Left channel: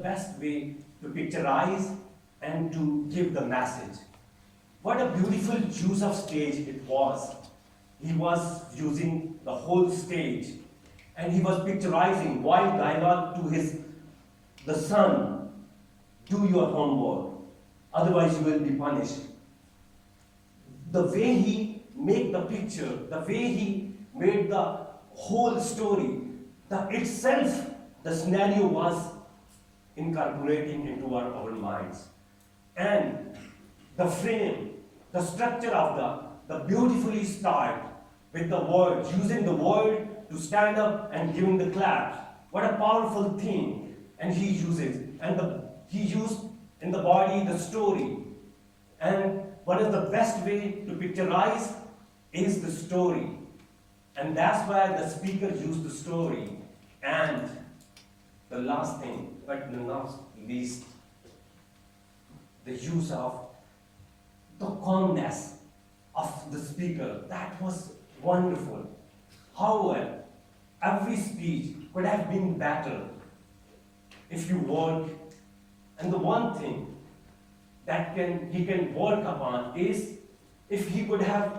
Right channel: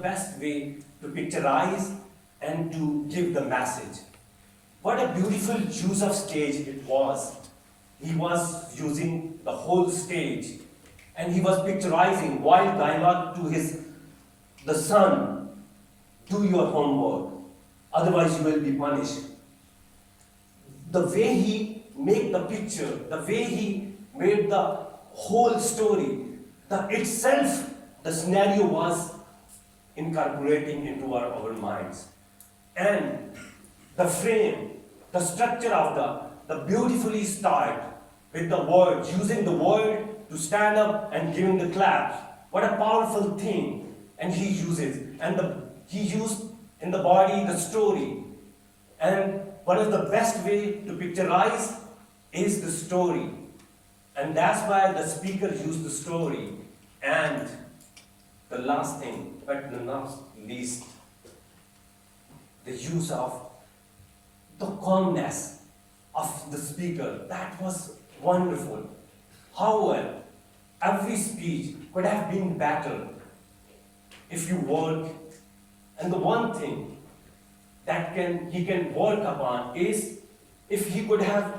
best way to picturize and to give the message. What a beautiful use of stage it was. He was using the whole stage, and he was picturizing while dialogue to the son, do your homework, otherwise you will be punished. The way he made the picture, the way he made the whole story, the scenario was incorporating into our minds. And the frame, the structure of the beautifully styled with the word, using the word to stand up and giving the claps. What a powerful thing. And he uses, he used in the body the story. And one of the best way to picturize is the story. And that's why the speaker used the story. And the last thing, but not least, the use of the calmness of the speaker. That was wonderful. However, every speech could have been better if you work. And the one thing that he can work upon is if he could have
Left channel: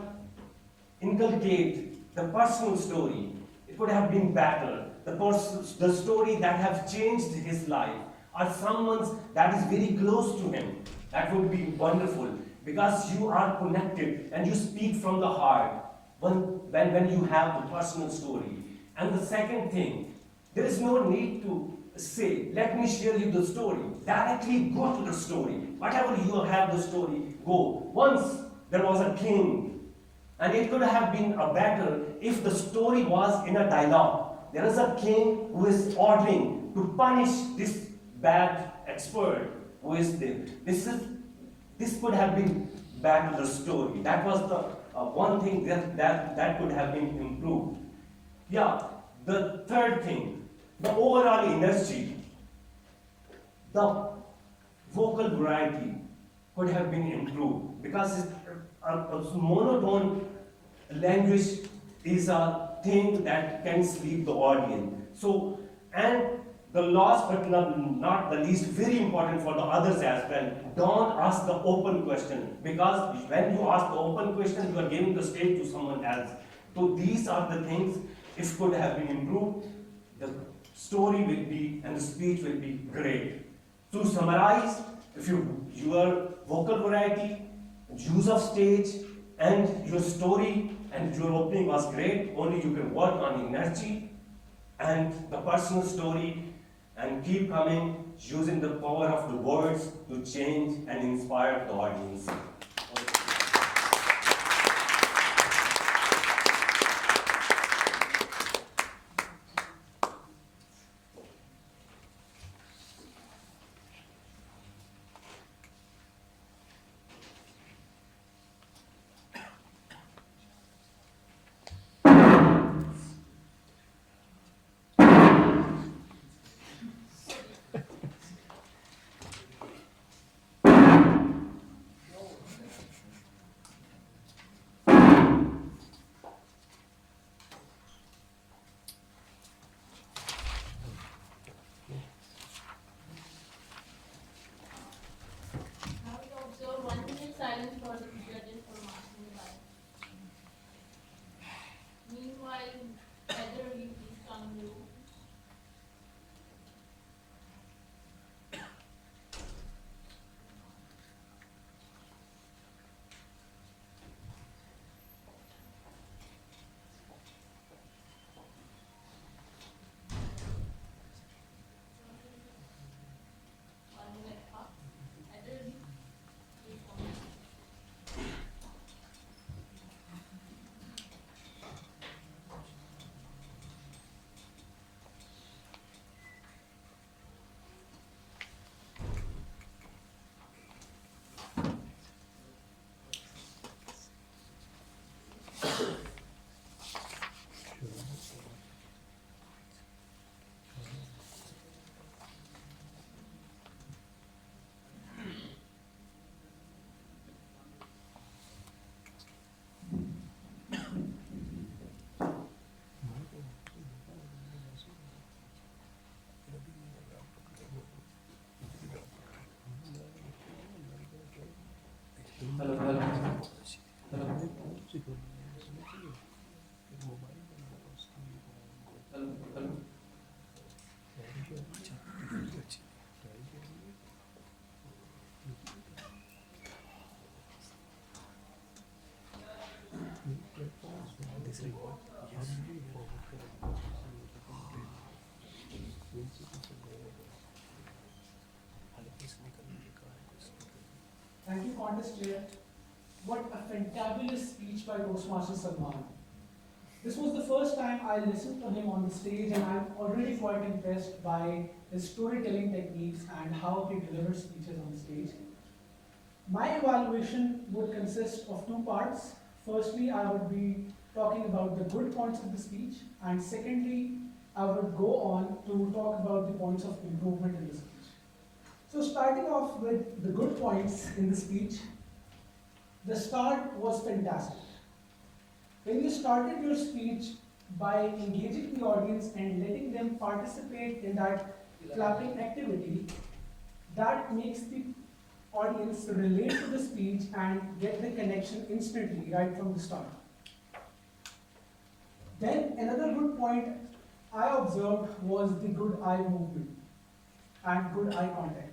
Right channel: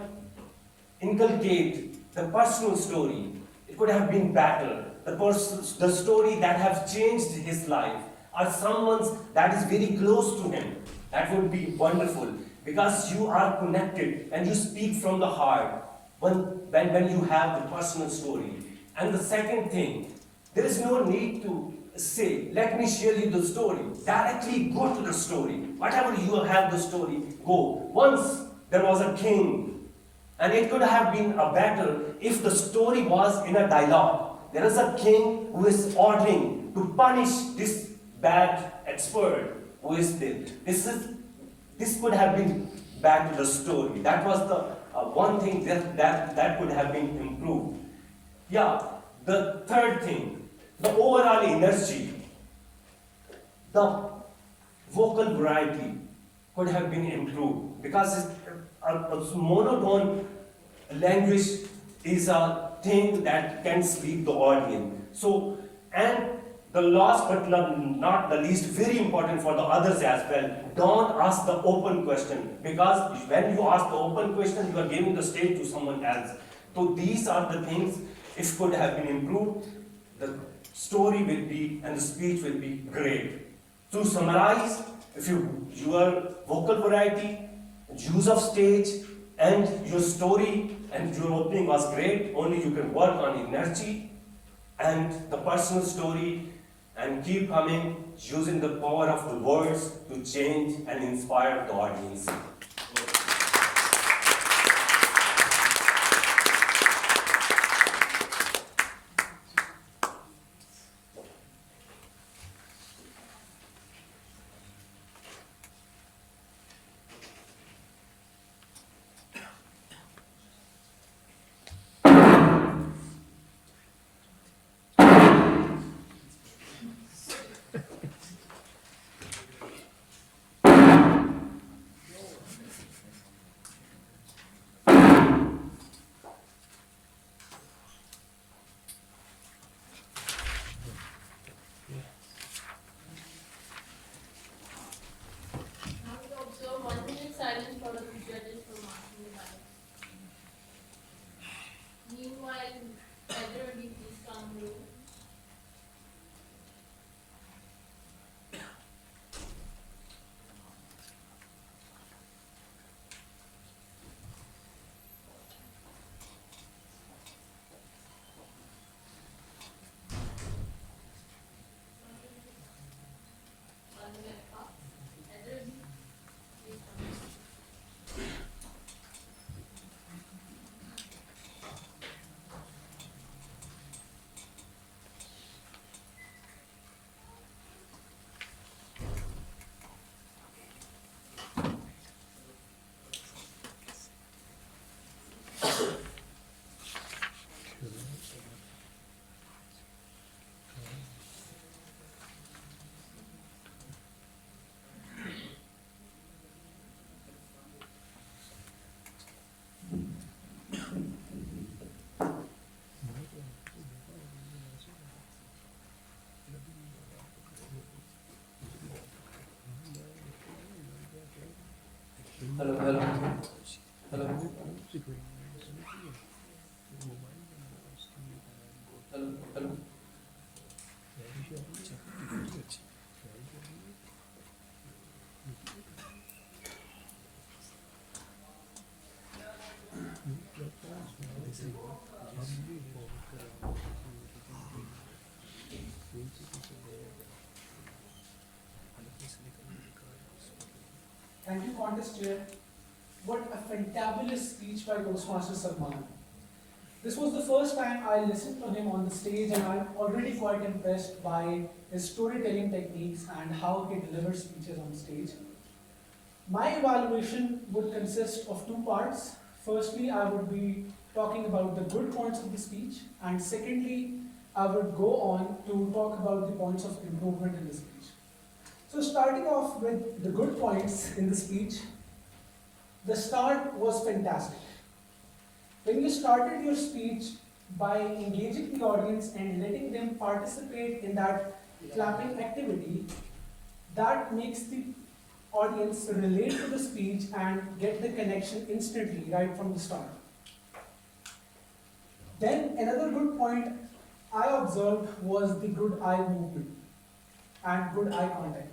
inculcate the personal story. It could have been better. The story that have changed his life, or someone's that is very close to him. That would be wonderful, because you are connected and you speak from the heart when you have the personal story. And the second thing, there is no need to say, let me share you the story. Directly go to the story. Whatever you have the story, go. Once there was a king, and it could have been a better if the story was in a dialogue. There is a king who is ordering to punish this bad expert who is there. This could have been back to the story. That was the one thing that could have been improved. Yeah, the third thing, the overall energy, the vocal variety could have been improved, because a monotone language is a thing that can sleep the audience. So, and the last but not the least, very important for the others as well, don't ask the open question, because when you ask the open question, you are giving the stage to someone else. So these are the things, if could have been improved, the story will be and the speech will be great. To summarize, if your vocal variety, use of stage, and your story and your opening was great, only you can work on energy and the personal story, and keep coming, using the power of the words to change and inspire the audience. contest chair, what a fantabulous speech by Toastmaster Salman. This was the first time I listened to him on the stage, and I'm already quite impressed by his storytelling techniques and how he delivers speeches on stage. My evaluation would consist of two parts. Firstly, I would be talking about the good points of the speech, and secondly, I would go on to talk about the points of improvement in the speech. So starting off with the good points in the speech, the start was fantastic. When you started your speech by engaging the audience and letting them participate in that clapping activity, that makes the audience relate to the speech and get the connection instantly right from the start. Then another good point I observed was the good eye movement and good eye contact.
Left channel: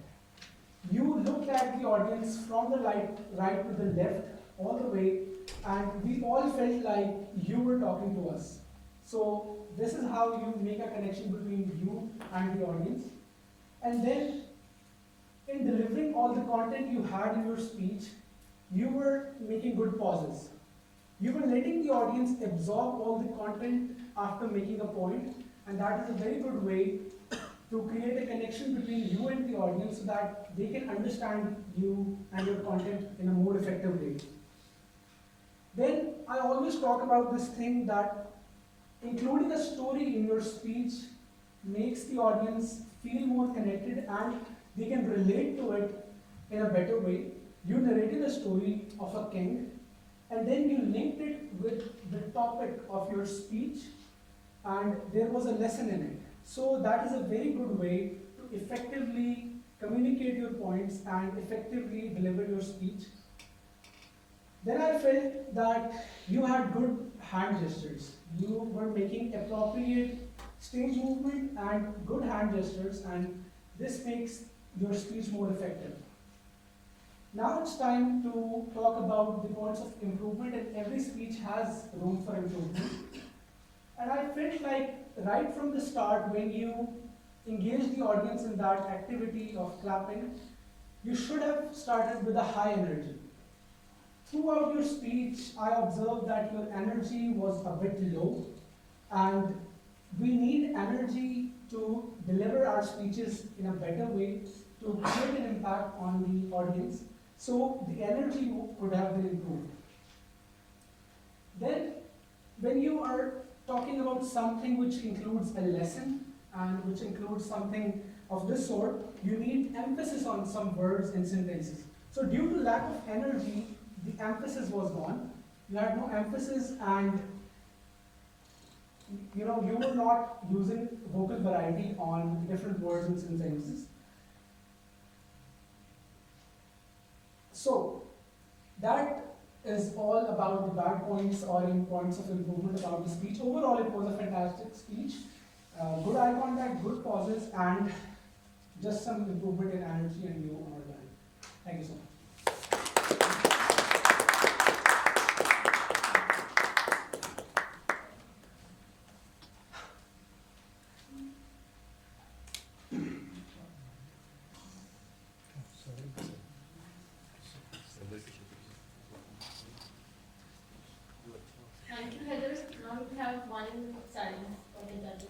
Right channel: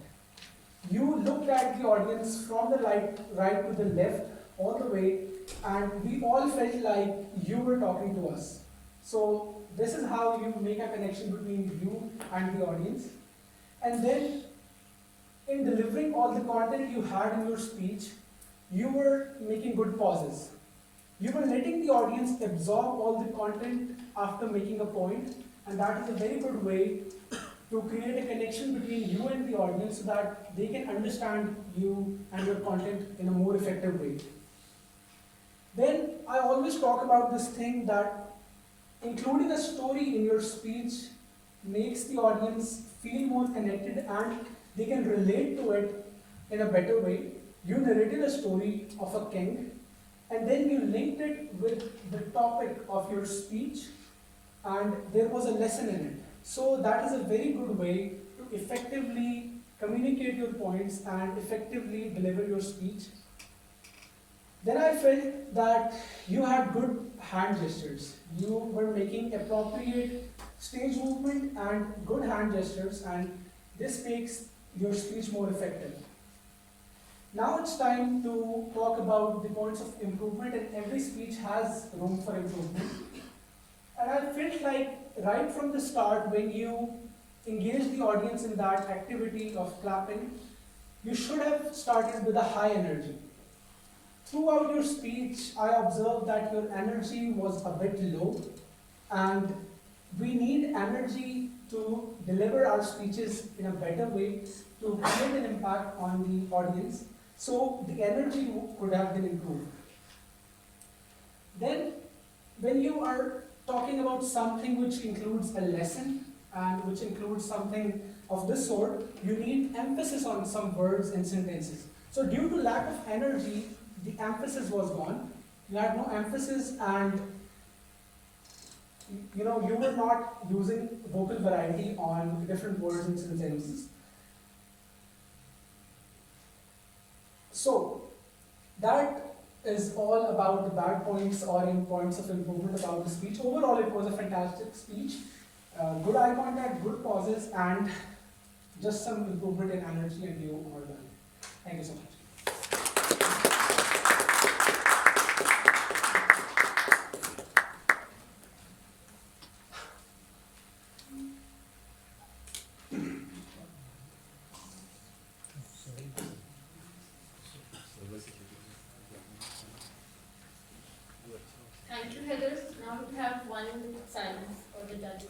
You looked at the audience from the right to the left all the way, and we all felt like you were talking to us. So this is how you make a connection between you and the audience. And then in delivering all the content you had in your speech, you were making good pauses. You were letting the audience absorb all the content after making a point, and that is a very good way to create a connection between you and the audience so that they can understand you and your content in a more effective way. Then I always talk about this thing that including a story in your speech makes the audience feel more connected and they can relate to it in a better way. You narrated a story of a king, and then you linked it with the topic of your speech, and there was a lesson in it. So that is a very good way to effectively communicate your points and effectively deliver your speech. Then I felt that you had good hand gestures. You were making appropriate stage movement and good hand gestures, and this makes your speech more effective. Now it's time to talk about the points of improvement, and every speech has room for improvement. And I felt like right from the start, when you engage the audience in that activity of clapping, you should have started with a high energy. Throughout your speech, I observed that your energy was a bit low, and we need energy to deliver our speeches in a better way, to create an impact on the audience. So the energy could have been improved. Then, when you are talking about something which includes a lesson and which includes something of this sort, you need emphasis on some words and sentences. So due to lack of energy, the emphasis was gone. You had no emphasis, and you were not using vocal variety on different words and sentences. So that is all about the bad points or in points of improvement about the speech. Overall, it was a fantastic speech. Good eye contact, good pauses, and just some improvement in energy, and you were done. Thank you so much. Thank you, Heather. Now we have one silence for the judges.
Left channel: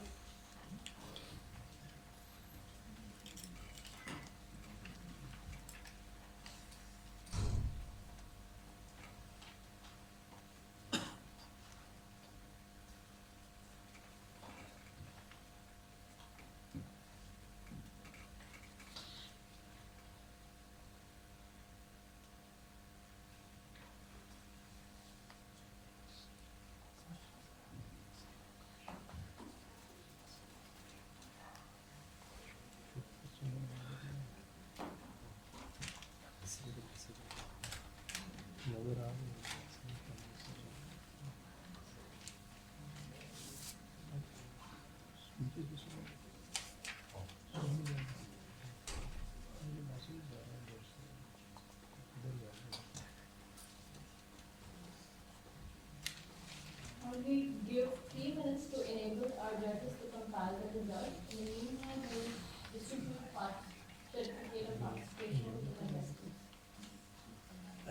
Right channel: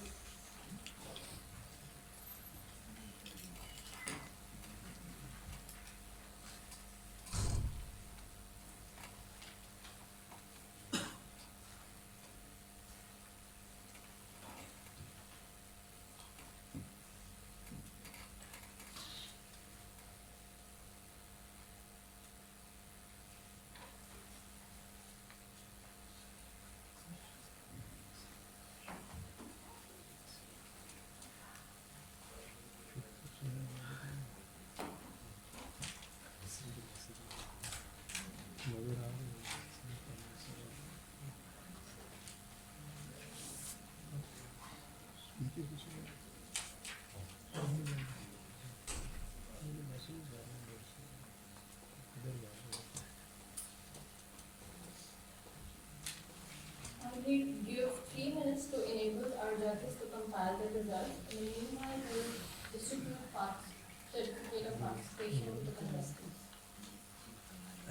We give 3 minutes to enable our judges to compile the results. In the meanwhile, we will distribute parts